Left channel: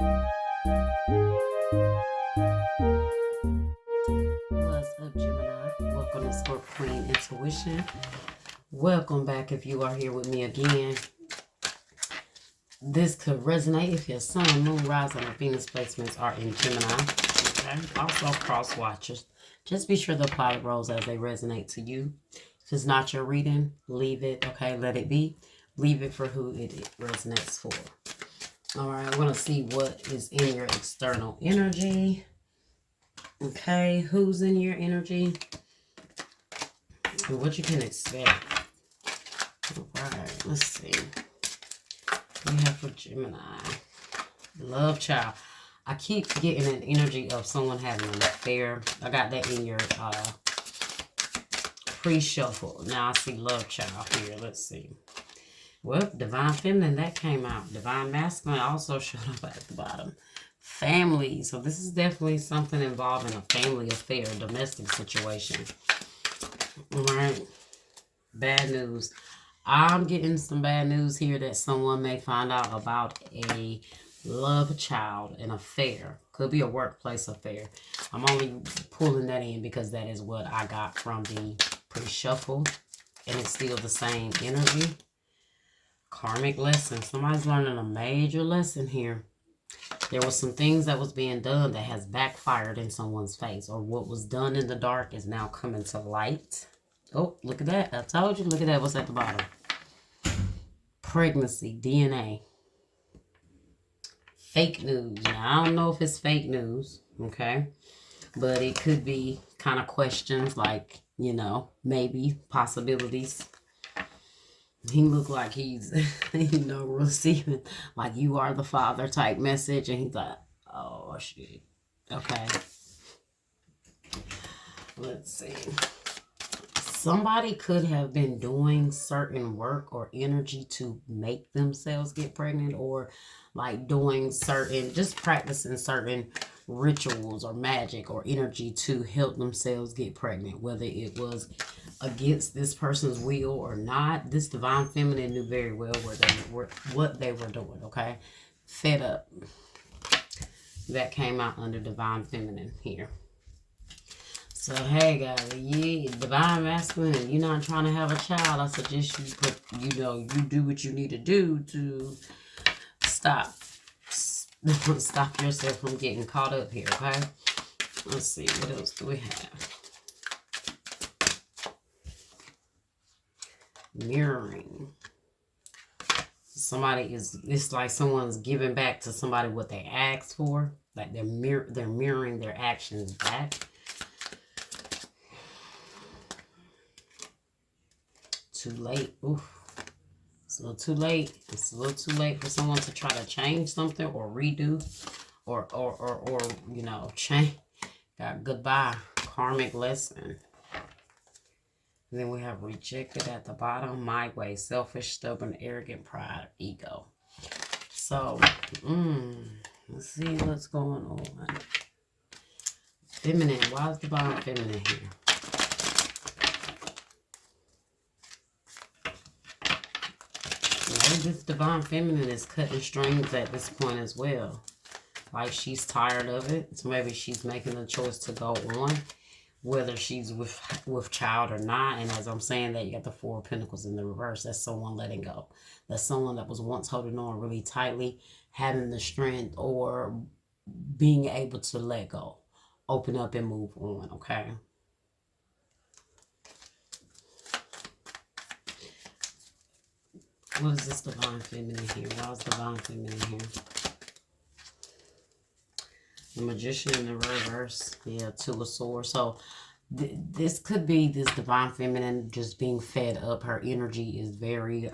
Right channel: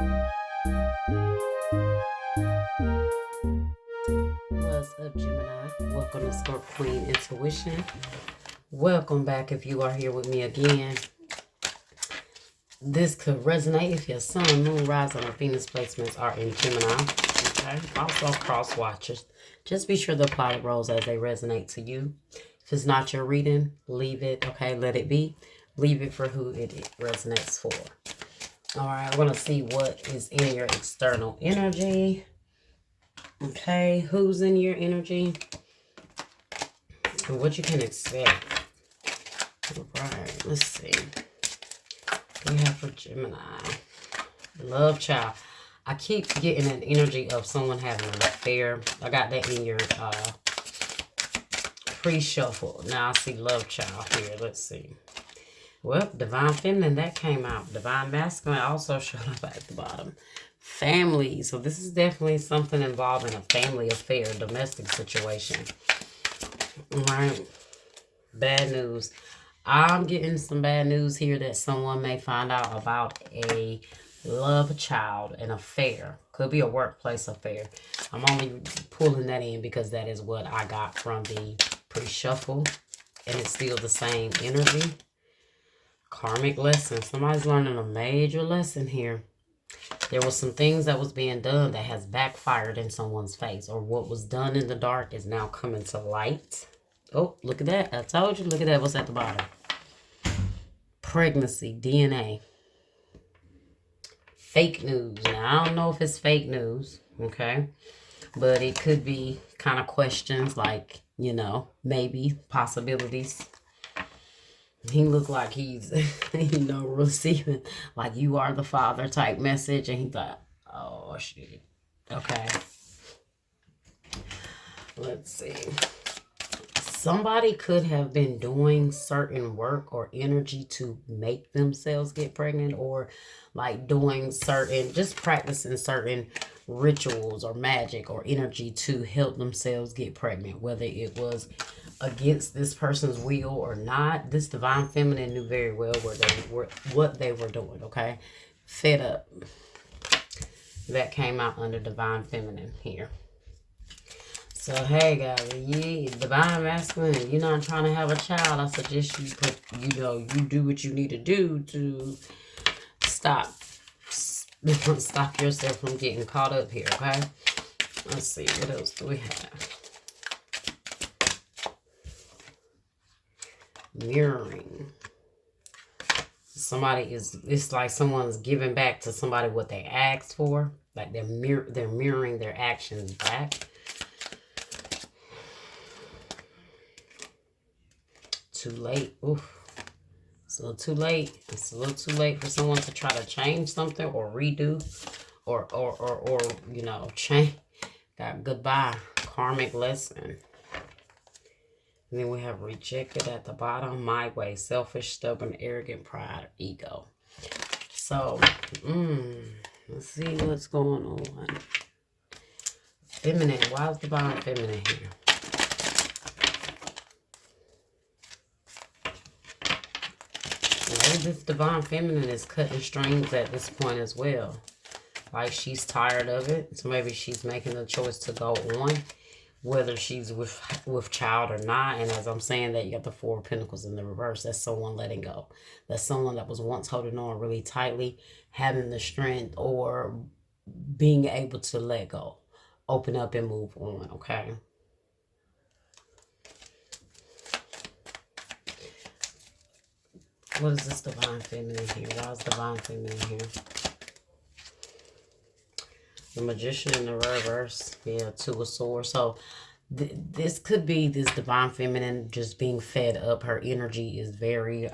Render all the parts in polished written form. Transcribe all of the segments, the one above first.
What's up, Gemini? Welcome to Scorpio Queen Intuition. Welcome back if you are here with me again. This could resonate if your sun, moon, rising, or Venus placements are in Gemini. Okay. Also, cross watchers. Just be sure to apply the roles as they resonate to you. If it's not your reading, leave it. Okay, let it be. Leave it for who it resonates for. All right, we're going to see what is in your external energy. Okay, who's in your energy and what you can expect. All right, let's see. We have for Gemini. Love child. I keep getting an energy of someone having an affair. I got that in your pre-shuffle. Now I see love child here. Let's see. Well, divine feminine, that came out. Divine masculine also showed up at the bottom. Family. So this is definitely something involving a family affair, domestic situation. All right. Bad news. I'm getting some bad news here that someone may find out about a love child, an affair. Could be a workplace affair. I'm only pulling that in because that is what I got from the pre-shuffle. And it's still the same energy. Karmic lesson. Somebody's learning a major lesson here. There was some things that was being done that has backfired in someone's face. Or what was done in the dark is now coming to light. Oh, look at that. I told you. Look at that. What's at the bottom? Pregnancy, DNA. Fake news. Now, I don't know if it's fake news. Okay. But it could be kind of questions like, you know, maybe possibilities. He looked like he's, you know, receiving like you are the father type message. And he thought, oh, shit. Okay. Let's see. Somebody could have been doing certain work or energy to make themselves get pregnant, or like doing certain, just practicing certain rituals or magic or energy to help themselves get pregnant, whether it was against this person's will or not. This divine feminine knew very well what they were doing. Okay, fed up. That came out under divine feminine here. So hey guys, yeah, divine masculine, and you're not trying to have a child, I suggest you put, you know, you do what you need to do to stop yourself from getting caught up here. Okay, let's see, what else do we have? Mirroring. Somebody is, it's like someone's giving back to somebody what they asked for. Like they're mirroring their actions back. Too late. Oof. It's a little too late. It's a little too late for someone to try to change something or redo or you know, change. Got goodbye. Karmic lesson. And then we have rejected at the bottom. My way. Selfish, stubborn, arrogant, pride, ego. So, let's see what's going on. Feminine. Why is the bottom feminine here? Maybe this divine feminine is cutting strings at this point as well. Like she's tired of it. So maybe she's making the choice to go on. Whether she's with child or not. And as I'm saying that, you got the Four of Pentacles in the reverse. That's someone letting go. That's someone that was once holding on really tightly, having the strength or being able to let go. Open up and move on, okay? What is this divine feminine here? Why is divine feminine here? The Magician in the reverse. Yeah, Two of Swords. So this could be this divine feminine just being fed up. Her energy is very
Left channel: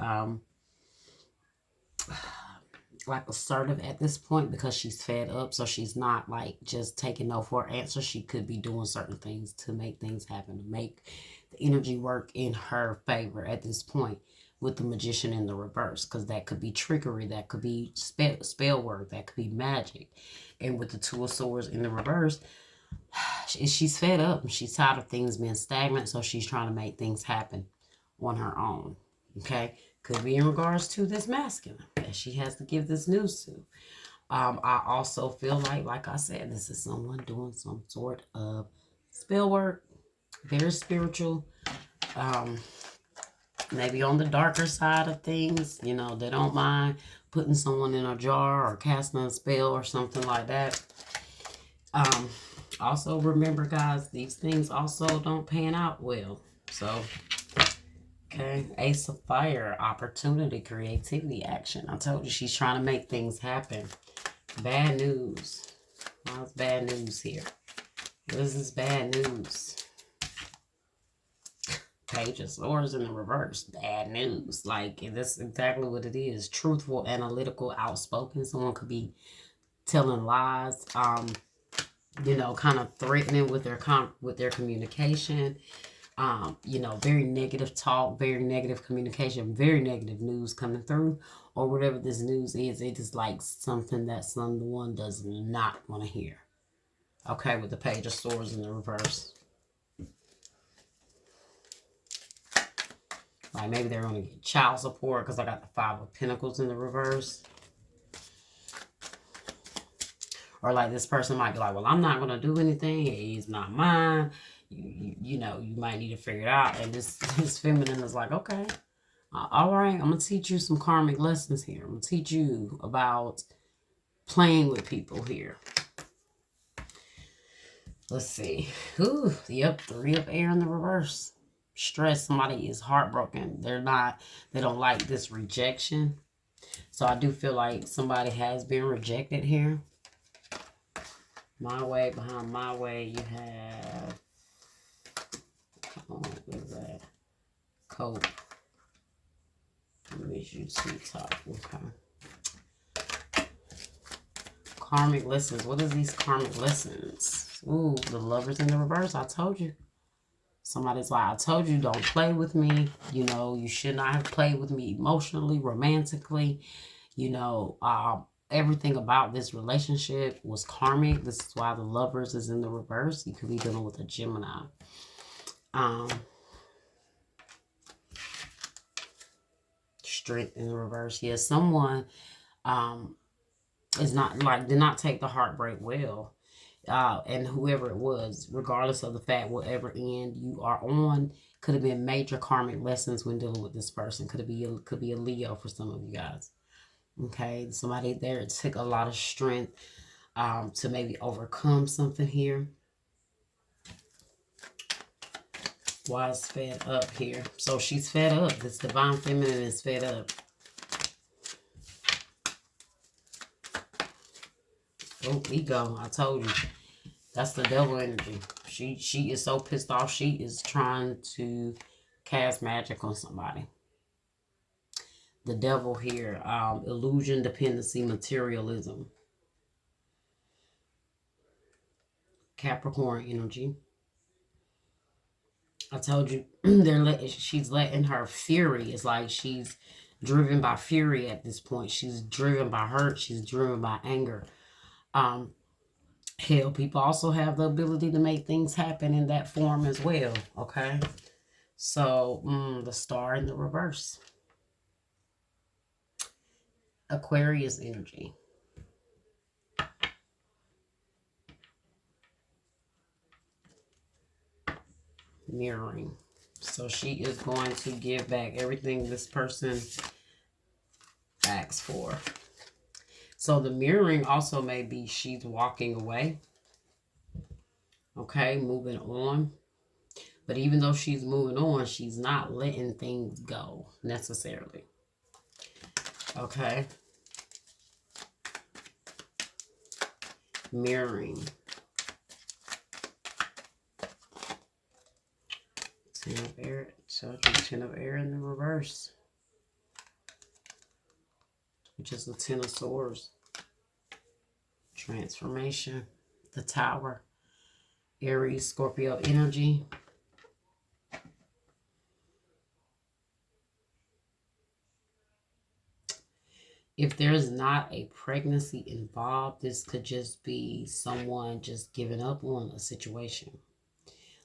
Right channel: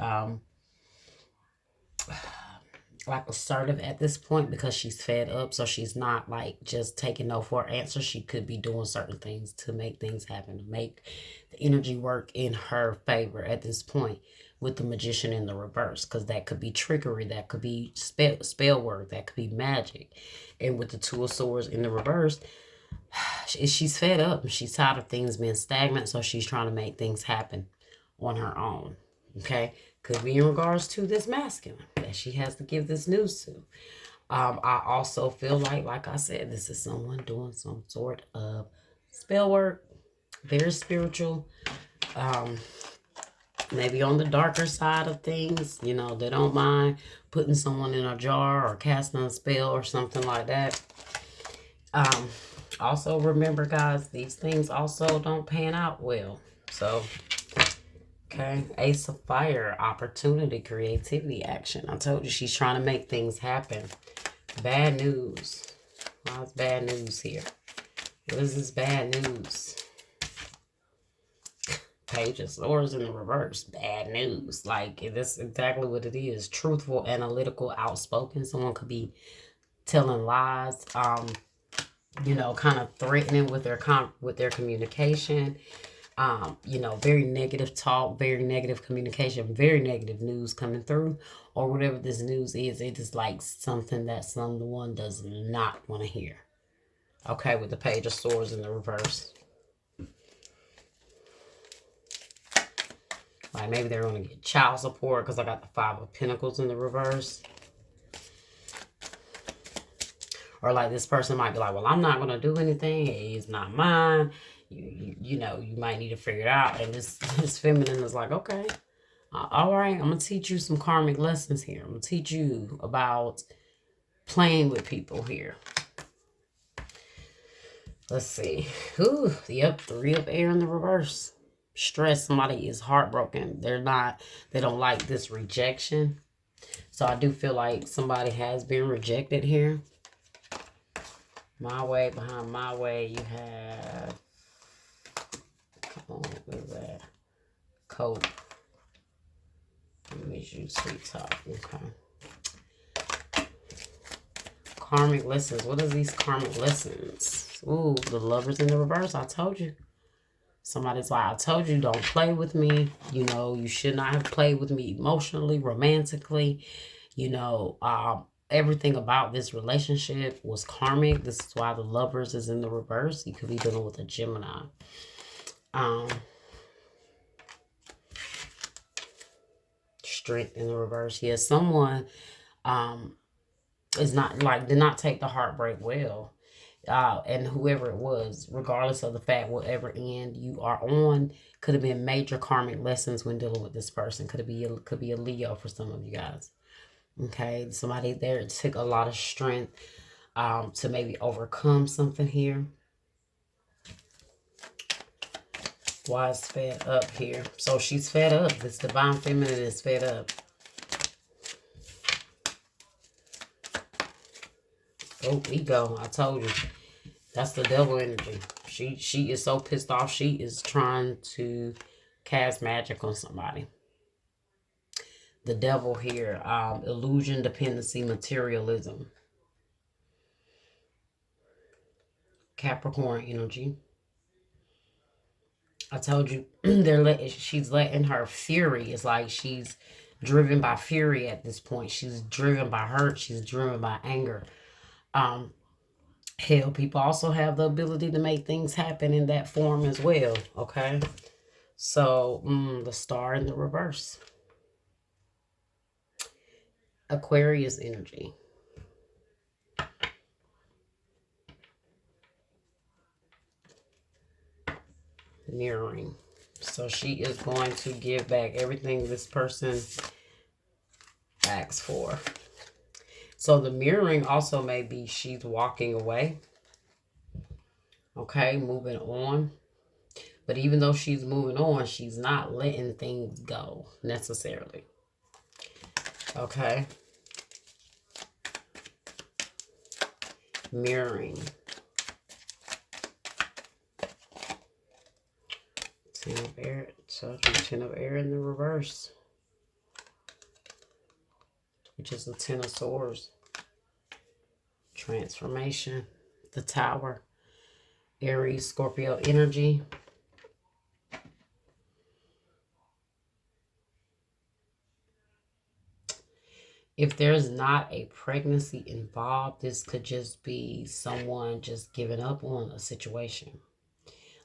like assertive at this point because she's fed up. So she's not like just taking no for an answer. She could be doing certain things to make things happen, to make the energy work in her favor at this point with the Magician in the reverse, because that could be trickery, that could be spell work, that could be magic. And with the Two of Swords in the reverse, she's fed up. She's tired of things being stagnant, so she's trying to make things happen on her own. Okay? Could be in regards to this masculine that she has to give this news to. I also feel like I said, this is someone doing some sort of spell work, very spiritual. Um, Maybe on the darker side of things, they don't mind putting someone in a jar or casting a spell or something like that. Um, Also remember, guys, these things also don't pan out well. So, okay, Ace of Fire, opportunity, creativity, action. I told you she's trying to make things happen. Bad news. What's bad news here? What is this bad news? Page of Swords in the reverse. Bad news. Like, that's exactly what it is. Truthful, analytical, outspoken. Someone could be telling lies. Kind of threatening with their communication. Very negative talk, very negative communication, very negative news coming through, or whatever this news is. It is like something that someone does not want to hear. Okay, with the Page of Swords in the reverse. Like maybe they're going to get child support because I got the Five of Pentacles in the reverse. Or like this person might be like, well, I'm not going to do anything. He's not mine. You might need to figure it out. And this feminine is like, okay, all right, I'm going to teach you some karmic lessons here. I'm going to teach you about playing with people here. Let's see. Ooh, yep, Three of Air in the reverse. Stress. Somebody is heartbroken. They don't like this rejection. So I do feel like somebody has been rejected here. My way, behind my way, you have, what is that? Coat. Let me use sweet talk. Okay. Karmic lessons. What are these karmic lessons? Ooh, the Lovers in the reverse. I told you. Somebody's like, I told you, don't play with me. You should not have played with me emotionally, romantically. Everything about this relationship was karmic. This is why the Lovers is in the reverse. You could be dealing with a Gemini. Strength in the reverse. Yeah, someone is not did not take the heartbreak well. And whoever it was, regardless of the fact, whatever end you are on, could have been major karmic lessons when dealing with this person. Could be a Leo for some of you guys. Okay, somebody there, it took a lot of strength to maybe overcome something here. Why is fed up here? So she's fed up. This divine feminine is fed up. Oh, ego. I told you. That's the devil energy. She is so pissed off. She is trying to cast magic on somebody. The devil here. Illusion, dependency, materialism. Capricorn energy. I told you, she's letting her fury. It's like she's driven by fury at this point. She's driven by hurt. She's driven by anger. Hell, people also have the ability to make things happen in that form as well. Okay. So, the Star in the reverse. Aquarius energy. Mirroring. So she is going to give back everything this person asks for. So the mirroring also may be she's walking away. Okay, moving on. But even though she's moving on, she's not letting things go necessarily. Okay. Mirroring. Ten of air. So 10 of air in the reverse. Which is the 10 of swords. Transformation. The Tower. Aries, Scorpio energy. If there's not a pregnancy involved, this could just be someone just giving up on a situation.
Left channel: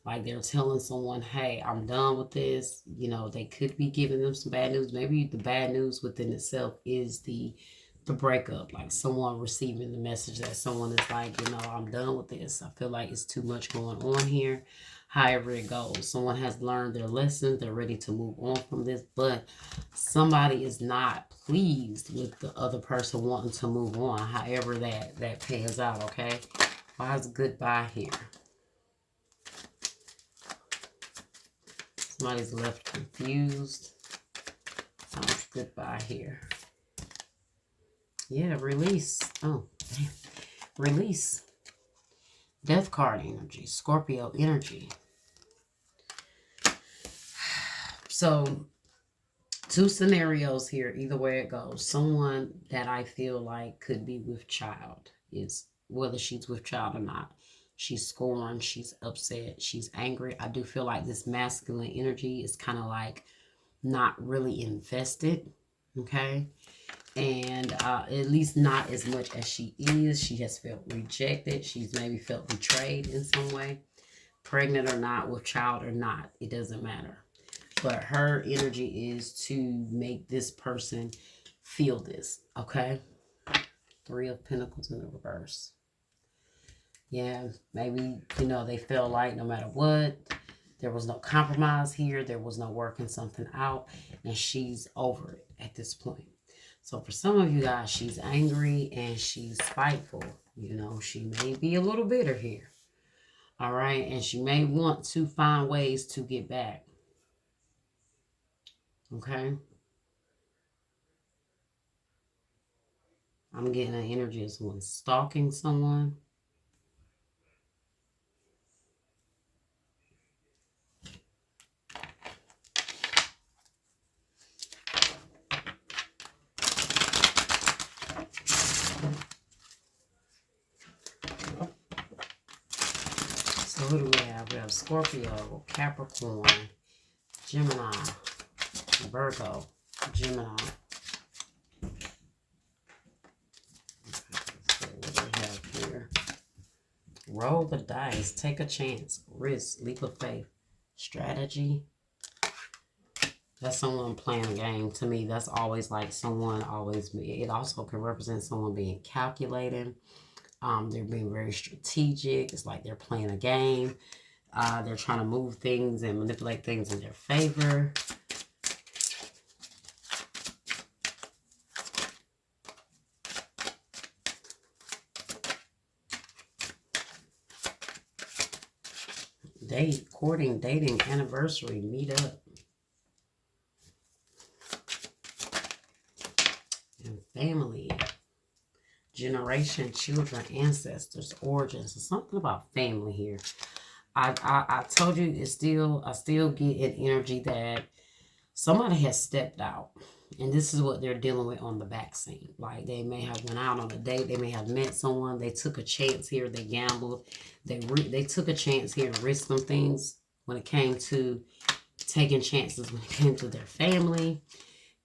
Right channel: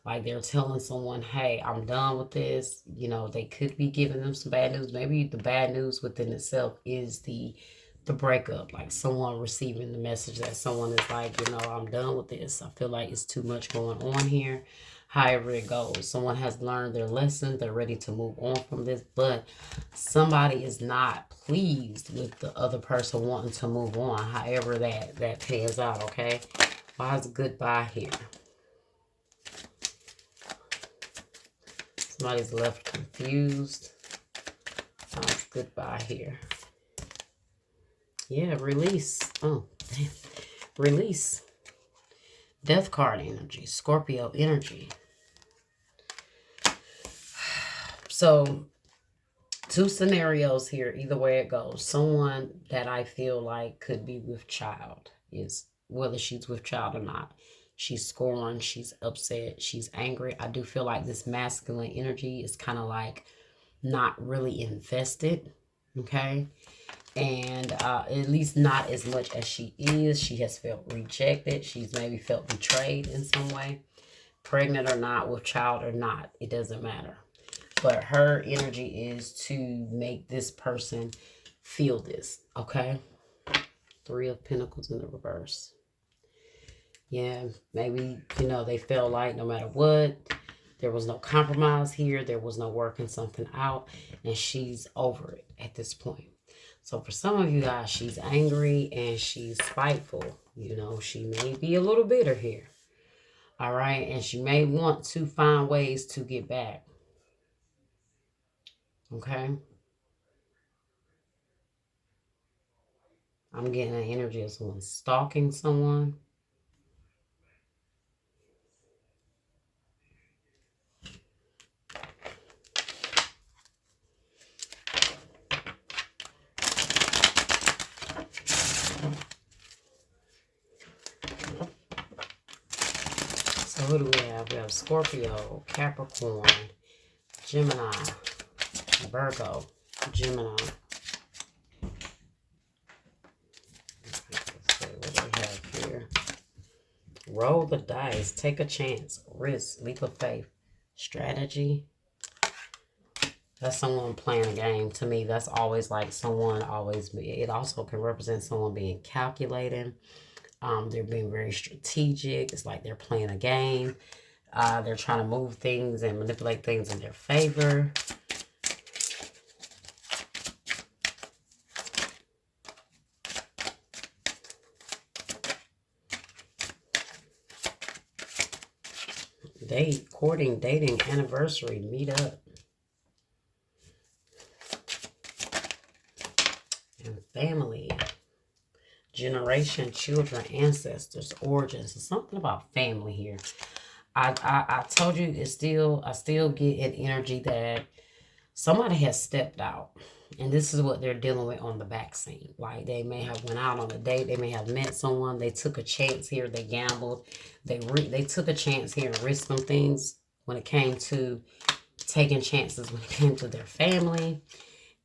Like they're telling someone, hey, I'm done with this. They could be giving them some bad news. Maybe the bad news within itself is the the breakup, like someone receiving the message that someone is like, you know, I'm done with this. I feel like it's too much going on here. However it goes, someone has learned their lesson. They're ready to move on from this, but somebody is not pleased with the other person wanting to move on. However that pans out. Okay, why is goodbye here? Somebody's left confused. Goodbye here. Yeah, release. Oh, damn. Release. Death card energy. Scorpio energy. So, two scenarios here, either way it goes. Someone that I feel like could be with child is whether she's with child or not. She's scorned, she's upset, she's angry. I do feel like this masculine energy is kind of like not really invested. Okay. And at least not as much as she is. She has felt rejected. She's maybe felt betrayed in some way. Pregnant or not, with child or not, it doesn't matter. But her energy is to make this person feel this, okay? 3 of Pentacles in the reverse. Yeah, maybe, you know, they felt like no matter what, there was no compromise here. There was no working something out. And she's over it at this point. So for some of you guys, she's angry and she's spiteful. You know, she may be a little bitter here. All right. And she may want to find ways to get back. Okay. I'm getting an energy of someone stalking someone. So who do we have? We have Scorpio, Capricorn, Gemini, Virgo, Gemini. Let's see what we have here. Roll the dice, take a chance, risk, leap of faith, strategy. That's someone playing a game. To me, that's always like someone always, it also can represent someone being calculating. They're being very strategic. It's like they're playing a game. They're trying to move things and manipulate things in their favor. Date, courting, dating, anniversary, meet up. And family. Generation, children, ancestors, origins. There's something about family here. I told you I still get an energy that somebody has stepped out. And this is what they're dealing with on the back scene. Like they may have went out on a date. They may have met someone. They took a chance here. They gambled. They took a chance here and risked some things when it came to taking chances when it came to their family.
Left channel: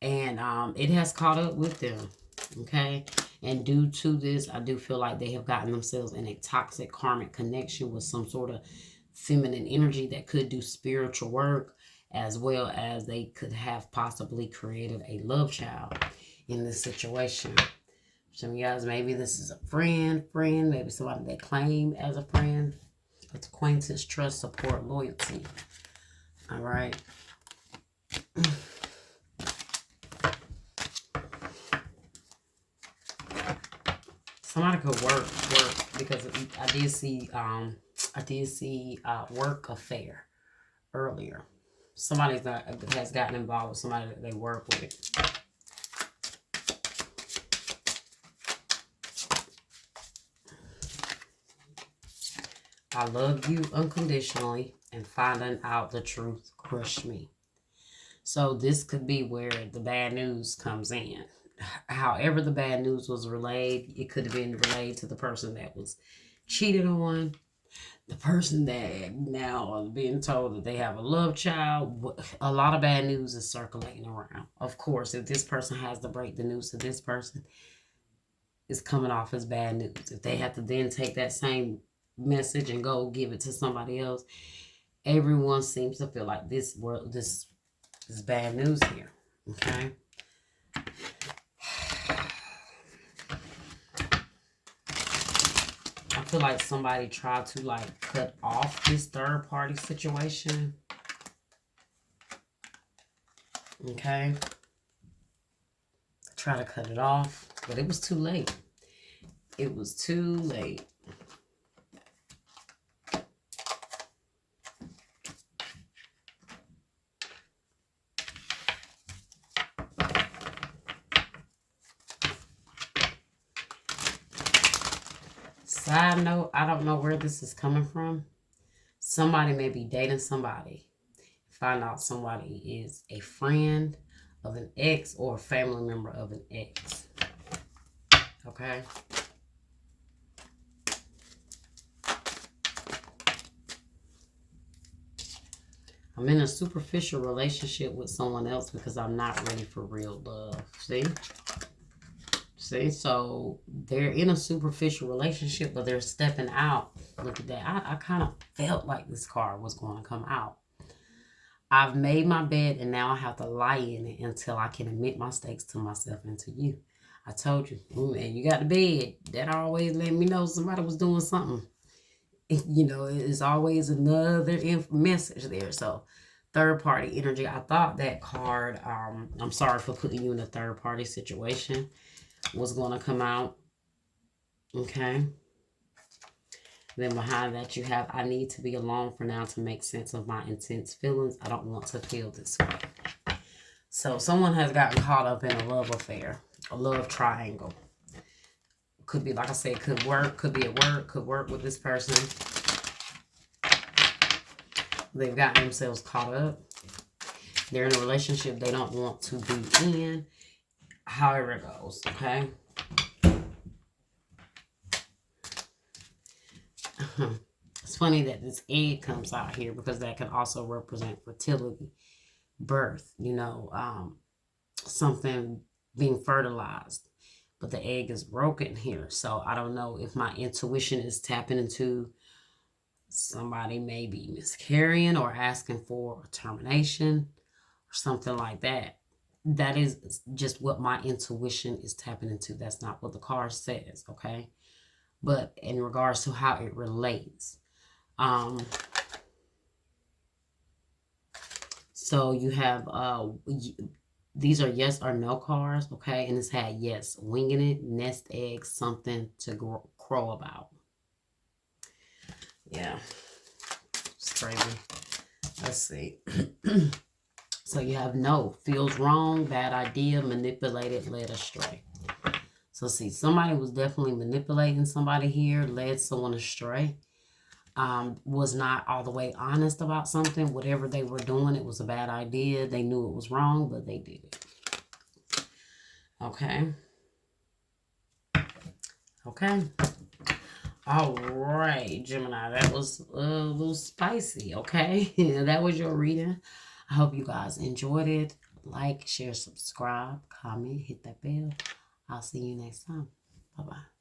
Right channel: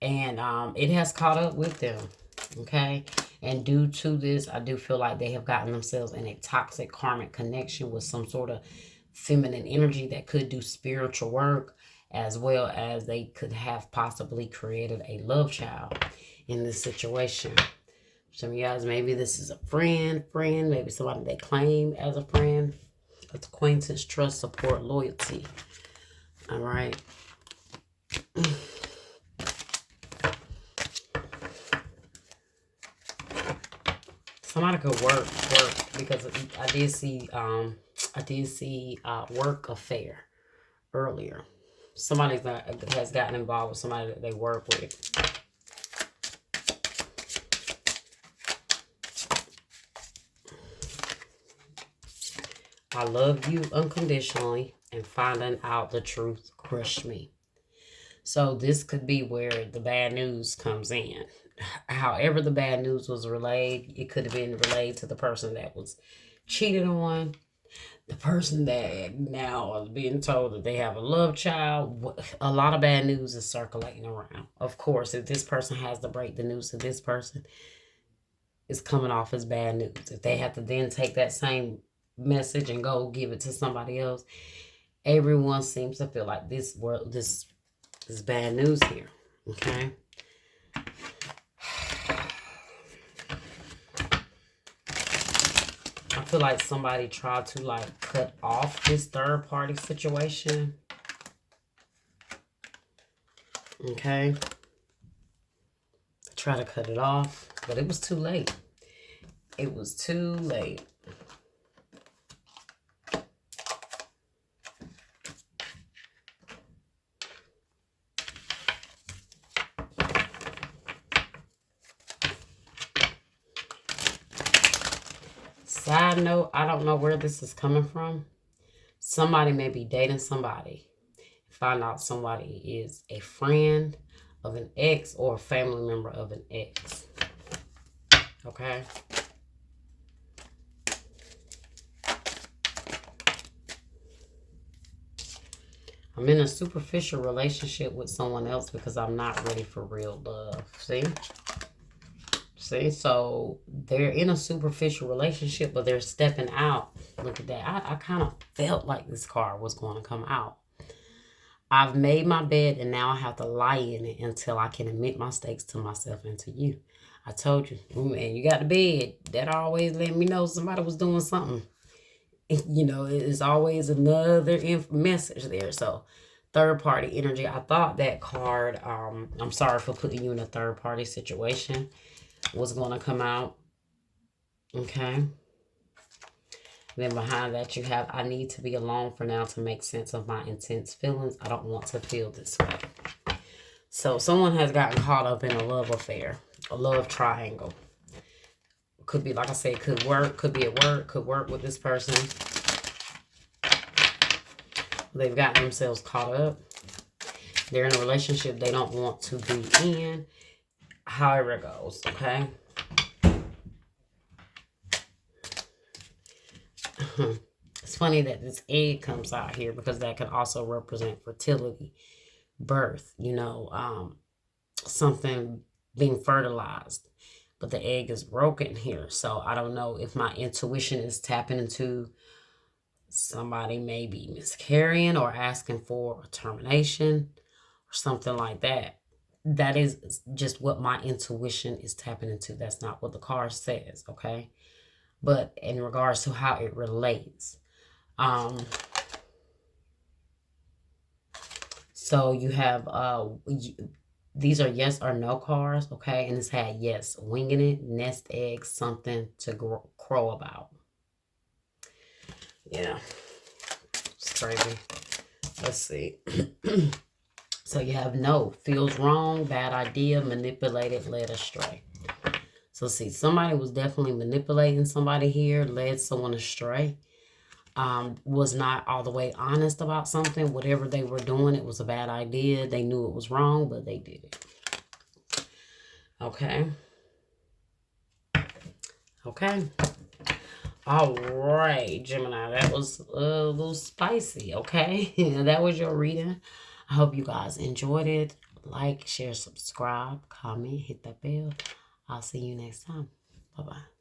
And it has caught up with them. Okay. And due to this, I do feel like they have gotten themselves in a toxic karmic connection with some sort of feminine energy that could do spiritual work, as well as they could have possibly created a love child in this situation. Some of you guys, maybe this is a friend, maybe somebody they claim as a friend. It's acquaintance, trust, support, loyalty. All right. Somebody could work because I did see work affair earlier. Somebody that has gotten involved with somebody that they work with. I love you unconditionally, and finding out the truth crushed me. So this could be where the bad news comes in. However the bad news was relayed, it could have been relayed to the person that was cheated on, the person that now is being told that they have a love child. A lot of bad news is circulating around. Of course, if this person has to break the news to this person, it's coming off as bad news. If they have to then take that same message and go give it to somebody else, everyone seems to feel like this is bad news here. Okay. feel like somebody tried to like cut off this third party situation. Okay. Try to cut it off, but it was too late. It was too late. Side note, I don't know where this is coming from. Somebody may be dating somebody. Find out somebody is a friend of an ex or a family member of an ex. Okay? I'm in a superficial relationship with someone else because I'm not ready for real love. See? See? So they're in a superficial relationship, but they're stepping out. Look at that. I kind of felt like this card was going to come out. I've made my bed and now I have to lie in it until I can admit my mistakes to myself and to you. I told you, and you got the bed. That always let me know somebody was doing something. You know, it's always another message there. So, third party energy. I thought that card, I'm sorry for putting you in a third party situation, was going to come out. Okay. Then behind that you have, I need to be alone for now to make sense of my intense feelings. I don't want to feel this way. So someone has gotten caught up in a love affair, a love triangle. Could be, like I said, could work, could be at work, could work with this person. They've gotten themselves caught up. They're in a relationship they don't want to be in. However it goes, okay? It's funny that this egg comes out here because that can also represent fertility, birth, you know, something being fertilized. But the egg is broken here. So I don't know if my intuition is tapping into somebody maybe miscarrying or asking for a termination or something like that. That is just what my intuition is tapping into. That's not what the card says, okay? But in regards to how it relates. So you have, these are yes or no cards, okay? And it's had yes, winging it, nest egg, something to crow about. Yeah, it's crazy. Let's see. So you have no, feels wrong, bad idea, manipulated, led astray. So see, somebody was definitely manipulating somebody here, led someone astray. Was not all the way honest about something. Whatever they were doing, it was a bad idea. They knew it was wrong, but they did it. Okay. Okay. All right, Gemini. That was a little spicy, okay? That was your reading. I hope you guys enjoyed it. Like, share, subscribe, comment, hit that bell. I'll see you next time. Bye-bye.